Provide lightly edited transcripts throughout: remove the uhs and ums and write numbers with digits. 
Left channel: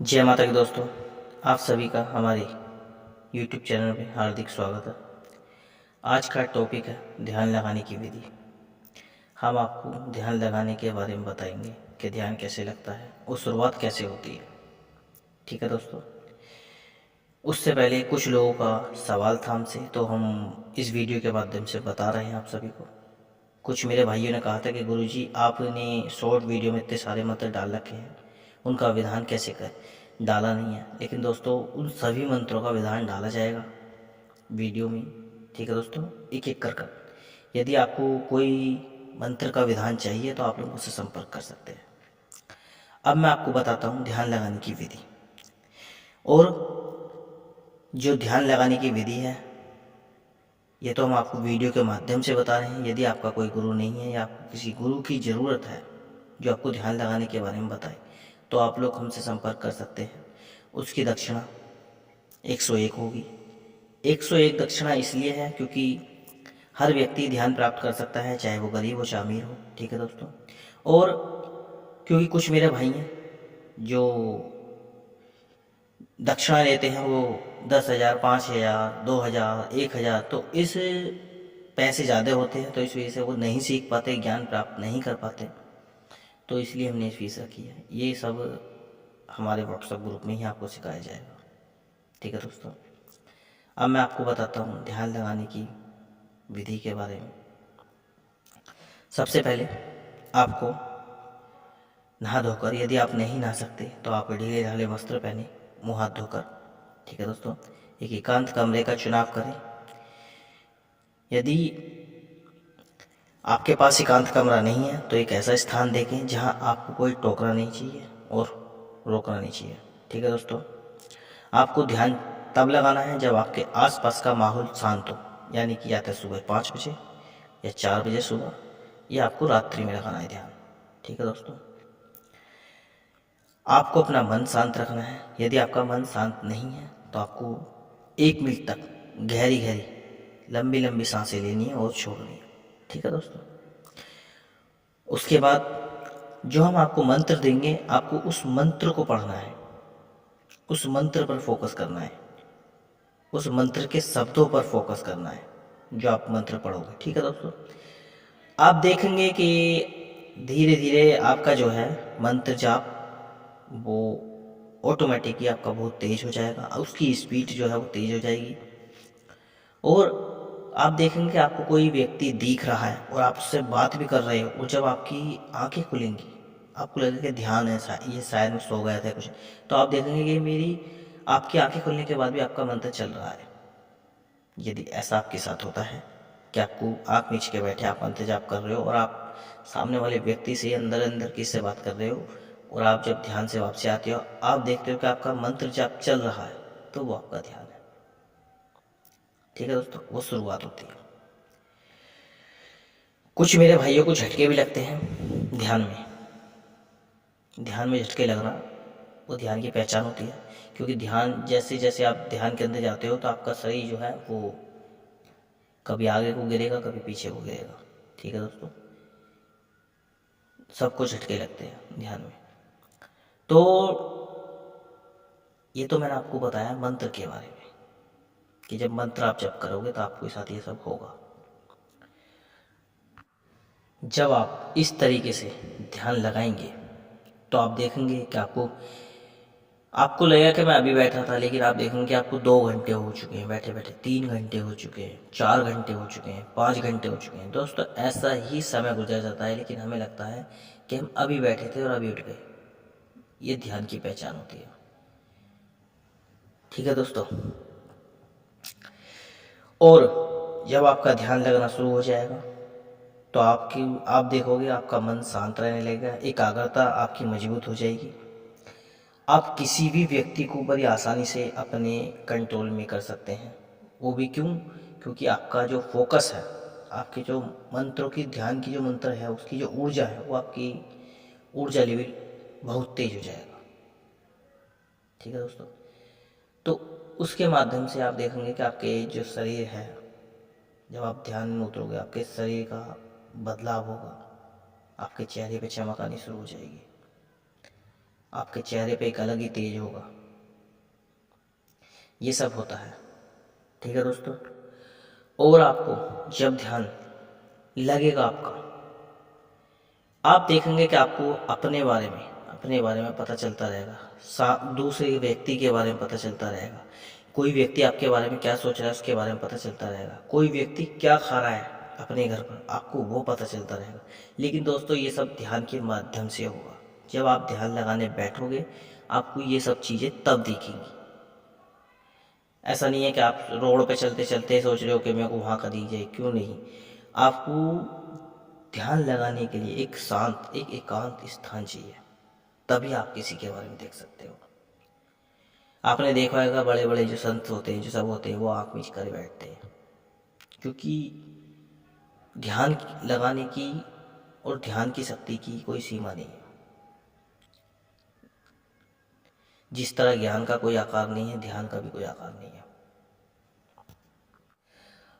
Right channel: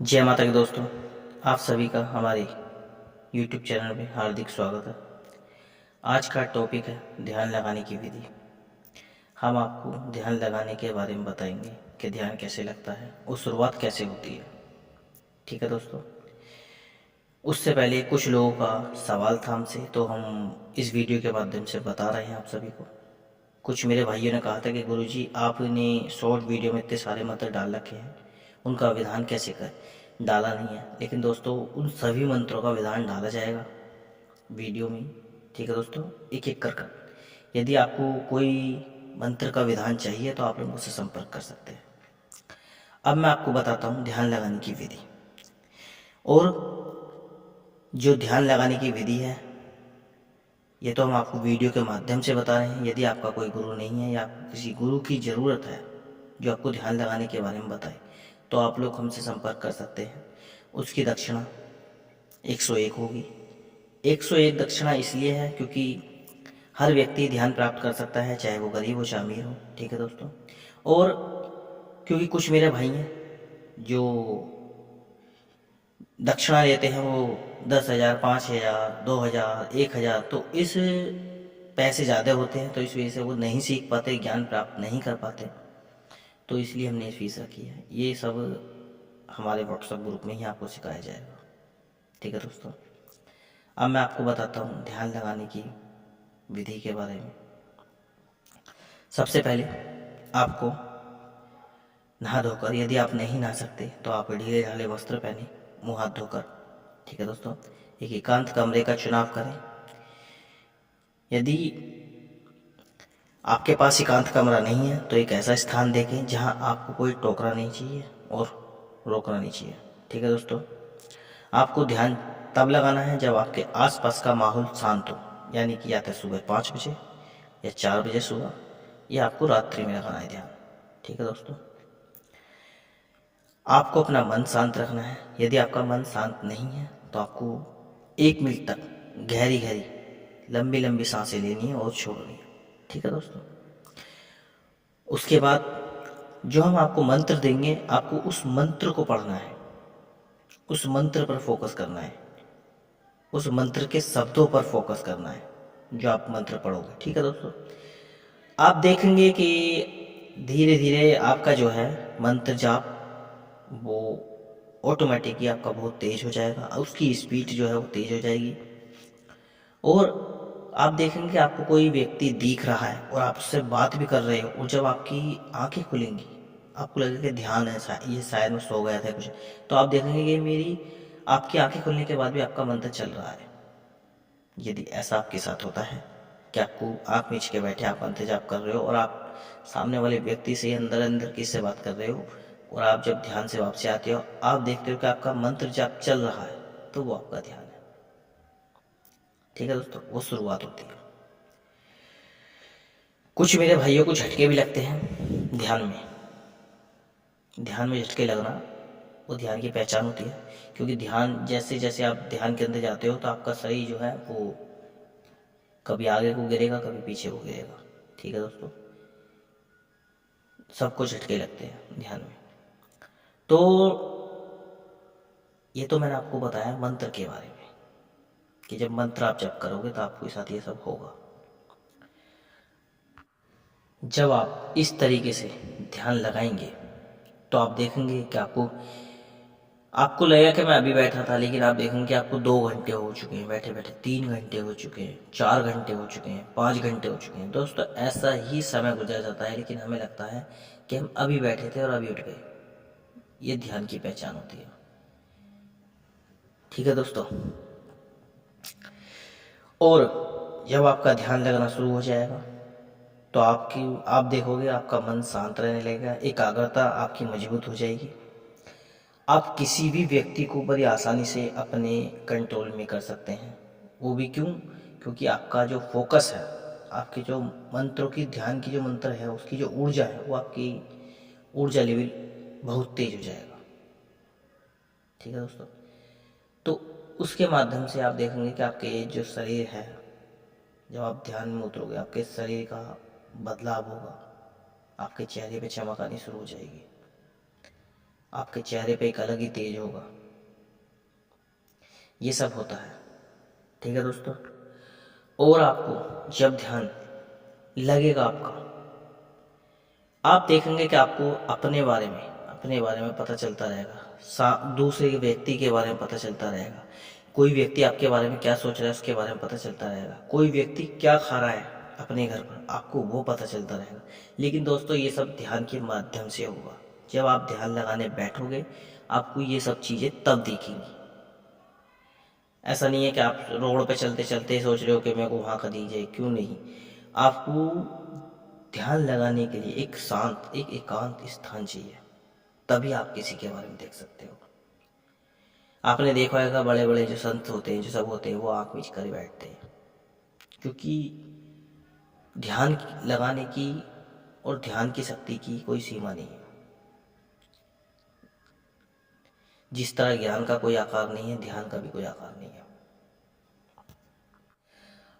जय माता की दोस्तों, आप सभी का हमारे YouTube चैनल में हार्दिक स्वागत है। आज का टॉपिक है ध्यान लगाने की विधि। हम आपको ध्यान लगाने के बारे में बताएंगे कि ध्यान कैसे लगता है और शुरुआत कैसे होती है। ठीक है दोस्तों, उससे पहले कुछ लोगों का सवाल था हमसे, तो हम इस वीडियो के माध्यम से बता रहे हैं आप सभी को। कुछ मेरे भाइयों ने कहा था कि गुरुजी आपने शॉर्ट वीडियो में इतने सारे मंत्र डाल रखे हैं, उनका विधान कैसे कर डाला नहीं है। लेकिन दोस्तों, उन सभी मंत्रों का विधान डाला जाएगा वीडियो में। ठीक है दोस्तों, एक एक कर यदि आपको कोई मंत्र का विधान चाहिए तो आप लोग मुझसे संपर्क कर सकते हैं। अब मैं आपको बताता हूँ ध्यान लगाने की विधि। और जो ध्यान लगाने की विधि है, ये तो हम आपको वीडियो के माध्यम से बता रहे हैं। यदि आपका कोई गुरु नहीं है या आपको किसी गुरु की ज़रूरत है जो आपको ध्यान लगाने के बारे में बताए, तो आप लोग हमसे संपर्क कर सकते हैं। उसकी दक्षिणा 101 होगी। 101 दक्षिणा इसलिए है क्योंकि हर व्यक्ति ध्यान प्राप्त कर सकता है, चाहे वो गरीब हो चाहे अमीर हो। ठीक है दोस्तों, और क्योंकि कुछ मेरे भाई हैं जो दक्षिणा लेते हैं, वो 10,000, 5,000, 2,000, 1,000, तो इस पैसे ज़्यादा होते हैं, तो इस वजह से वो नहीं सीख पाते, ज्ञान प्राप्त नहीं कर पाते। तो इसलिए हमने फीस रखी है। ये सब हमारे व्हाट्सएप ग्रुप में ही आपको सिखाया जाएगा। ठीक है दोस्तों, अब मैं आपको बताता हूँ ध्यान लगाने की विधि के बारे में। सबसे पहले आपको नहा धोकर, यदि आप नहीं नहा सकते तो आप ढीले ढाले वस्त्र पहने, मुँह हाथ धोकर, ठीक है दोस्तों, एक एकांत कमरे का चुनाव करें। यदि आपके पास एकांत कमरा नहीं है तो एक ऐसा स्थान देखें जहां आपको कोई टोकना नहीं चाहिए और रोकना नहीं चाहिए। ठीक है दोस्तों, आपको ध्यान तब लगाना है जब आपके आसपास का माहौल शांत हो, यानी कि या तो सुबह 5 बजे या 4 बजे सुबह, या आपको रात्रि में लगाना है ध्यान। ठीक है दोस्तों, आपको अपना मन शांत रखना है। यदि आपका मन शांत नहीं है तो आपको 1 मिनट तक गहरी गहरी लंबी लंबी सांसें लेनी है और छोड़नी है। ठीक है दोस्तों, उसके बाद जो हम आपको मंत्र देंगे, आपको उस मंत्र को पढ़ना है, उस मंत्र पर फोकस करना है, उस मंत्र के शब्दों पर फोकस करना है जो आप मंत्र पढ़ोगे। ठीक है दोस्तों, आप देखेंगे कि धीरे धीरे आपका जो है मंत्र जाप वो ऑटोमेटिकली आपका बहुत तेज हो जाएगा, उसकी स्पीड जो है वो तेज हो जाएगी। और आप देखेंगे कि आपको कोई व्यक्ति दिख रहा है और आप उससे बात भी कर रहे हो, और जब आपकी आंखें खुलेंगी आपको लगेगा कि ध्यान है, ये शायद मैं सो गया था कुछ, तो आप देखेंगे कि मेरी आपकी आंखें खुलने के बाद भी आपका मंत्र चल रहा है। यदि ऐसा आपके साथ होता है कि आपको आँख मीच के बैठे आप मंत्र जाप कर रहे हो और आप सामने वाले व्यक्ति से अंदर अंदर किससे बात कर रहे हो, और आप जब ध्यान से वापसी आते हो आप देखते हो कि आपका मंत्र जाप चल रहा है, तो वो आपका ध्यान है। ठीक है दोस्तों, वो शुरुआत होती है। कुछ मेरे भाइयों को झटके भी लगते हैं ध्यान में। ध्यान में झटके लगना वो ध्यान की पहचान होती है, क्योंकि ध्यान जैसे जैसे आप ध्यान के अंदर जाते हो तो आपका शरीर जो है वो कभी आगे को गिरेगा कभी पीछे को गिरेगा। ठीक है दोस्तों, सबको झटके लगते हैं ध्यान में। तो ये तो मैंने आपको बताया मंत्र के बारे में कि जब मंत्र आप जप करोगे तो आपके साथ ये सब होगा। जब आप इस तरीके से ध्यान लगाएंगे तो आप देखेंगे कि आपको लगेगा कि मैं अभी बैठा था, लेकिन आप देखेंगे कि आपको 2 घंटे हो चुके हैं बैठे बैठे, 3 घंटे हो चुके हैं, 4 घंटे हो चुके हैं, 5 घंटे हो चुके हैं। दोस्तों, ऐसा ही समय गुजर जाता है, लेकिन हमें लगता है कि हम अभी बैठे थे और अभी उठ गए। ये ध्यान की पहचान होती है। ठीक है दोस्तों, और जब आपका ध्यान लगना शुरू हो जाएगा तो आप देखोगे आपका मन शांत रहने लगेगा, एकाग्रता आपकी मजबूत हो जाएगी। आप किसी भी व्यक्ति को बड़ी आसानी से अपने कंट्रोल में कर सकते हैं। वो भी क्यों? क्योंकि आपका जो फोकस है, आपके जो मंत्रों की, ध्यान की जो मंत्र है उसकी जो ऊर्जा है, वो आपकी ऊर्जा लेवल बहुत तेज हो जाएगा। ठीक है दोस्तों, तो उसके माध्यम से आप देखेंगे कि आपके जो शरीर है, जब आप ध्यान में उतरोगे आपके शरीर का बदलाव होगा, आपके चेहरे पे चमक आनी शुरू हो जाएगी। आपके चेहरे पे एक अलग ही तेज होगा। ये सब होता है। ठीक है दोस्तों। और आपको जब ध्यान लगेगा आपका, आप देखेंगे कि आपको अपने बारे में पता चलता रहेगा, दूसरे व्यक्ति के बारे में पता चलता रहेगा। कोई व्यक्ति आपके बारे में क्या सोच रहा है उसके बारे में पता चलता रहेगा। कोई व्यक्ति क्या खा रहा है अपने घर पर, आपको वो पता चलता रहेगा। लेकिन दोस्तों ये सब ध्यान के माध्यम से होगा। जब आप ध्यान लगाने बैठोगे आपको ये सब चीज़ें तब दिखेंगी। ऐसा नहीं है कि आप रोड पे चलते चलते सोच रहे हो कि मेरे को वहाँ का दिख जाए, क्यों नहीं। आपको ध्यान लगाने के लिए एक शांत, एक एकांत स्थान चाहिए, तभी आप किसी के बारे में देख सकते हो। आपने देखा होगा बड़े बड़े जो संत होते हैं, जो सब होते हैं, वो आँख मीच कर बैठते हैं, क्योंकि ध्यान लगाने की और ध्यान की शक्ति की कोई सीमा नहीं है। जिस तरह ज्ञान का कोई आकार नहीं है, ध्यान का भी कोई आकार नहीं है।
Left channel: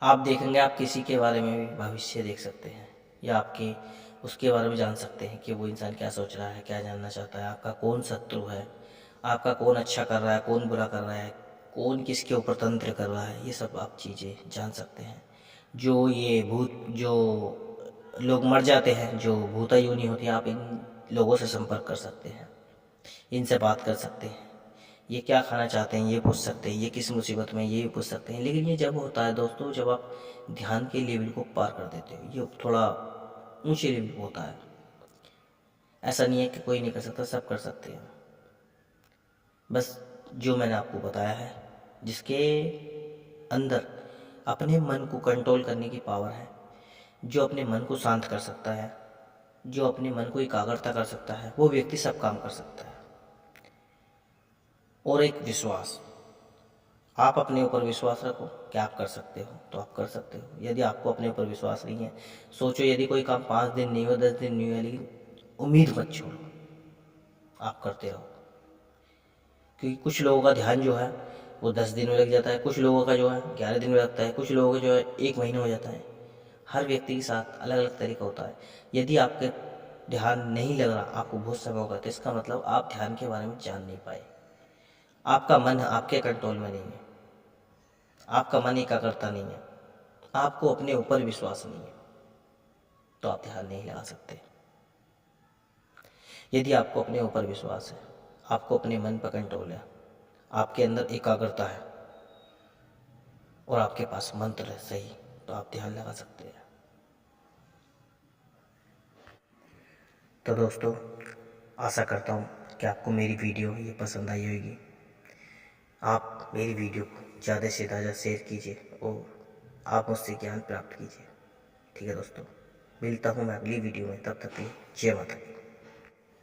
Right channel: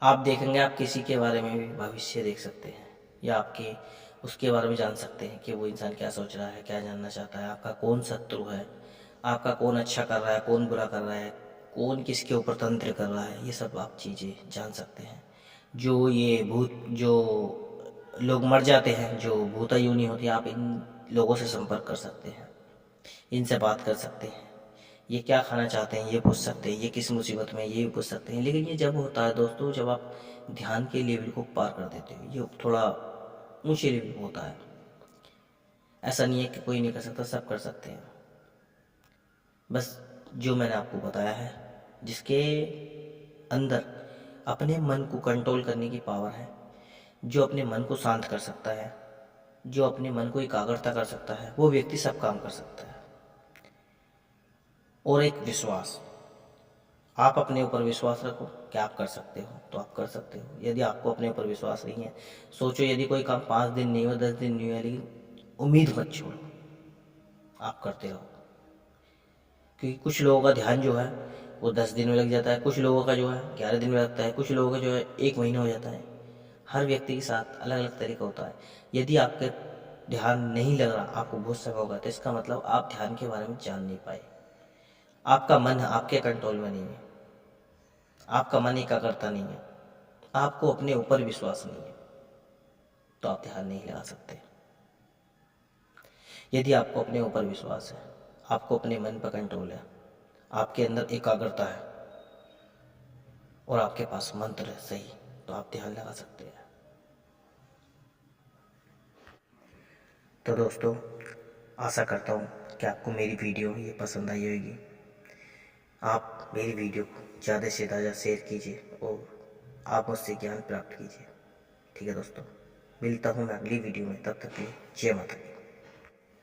आप देखेंगे, आप किसी के बारे में भी भविष्य देख सकते हैं, या आपके उसके बारे में जान सकते हैं कि वो इंसान क्या सोच रहा है, क्या जानना चाहता है, आपका कौन शत्रु है, आपका कौन अच्छा कर रहा है, कौन बुरा कर रहा है, कौन किसके ऊपर तंत्र कर रहा है। ये सब आप चीज़ें जान सकते हैं। जो लोग मर जाते हैं, जो भूता योनि होती है, आप इन लोगों से संपर्क कर सकते हैं, इनसे बात कर सकते हैं। ये क्या खाना चाहते हैं ये पूछ सकते हैं, ये किस मुसीबत में ये भी पूछ सकते हैं। लेकिन ये जब होता है दोस्तों, जब आप ध्यान के लेवल को पार कर देते हो, ये थोड़ा ऊंचे लेवल पे होता है। ऐसा नहीं है कि कोई नहीं कर सकता, सब कर सकते हैं। बस जो मैंने आपको बताया है, जिसके अंदर अपने मन को कंट्रोल करने की पावर है, जो अपने मन को शांत कर सकता है, जो अपने मन को एकाग्रता कर सकता है, वो व्यक्ति सब काम कर सकता है। और एक विश्वास, आप अपने ऊपर विश्वास रखो कि आप कर सकते हो, तो आप कर सकते हो। यदि आपको अपने ऊपर विश्वास नहीं है, सोचो यदि कोई काम 5 दिन नहीं हुआ, 10 दिन नहीं हुआ, लेकिन उम्मीद मत छोड़ो, आप करते रहो। क्योंकि कुछ लोगों का ध्यान जो है वो 10 दिन में लग जाता है, कुछ लोगों का जो है 11 दिन में लगता है, कुछ लोगों का जो है 1 महीने हो जाता है। हर व्यक्ति के साथ अलग अलग तरीका होता है। यदि आपके ध्यान नहीं लग रहा, आपको बहुत समय होगा, तो इसका मतलब आप ध्यान के बारे में जान नहीं पाए। आपका मन आपके कंट्रोल में नहीं है, आपका मन एकाग्रता नहीं है, आपको अपने ऊपर विश्वास नहीं है, तो आप ध्यान नहीं लगा सकते। यदि आपको अपने ऊपर विश्वास है, आपको अपने मन पर कंट्रोल है, आपके अंदर एकाग्रता है और आपके पास मंत्र है सही, तो आप ध्यान लगा सकते हैं। तो दोस्तों, आशा करता हूँ कि आपको मेरी वीडियो ये पसंद आई होगी। आप मेरी वीडियो को ज़्यादा से ज़्यादा शेयर कीजिए और आप मुझसे ज्ञान प्राप्त कीजिए। ठीक है दोस्तों, मिलता हूँ मैं अगली वीडियो में, तब तक के लिए जय माता दी।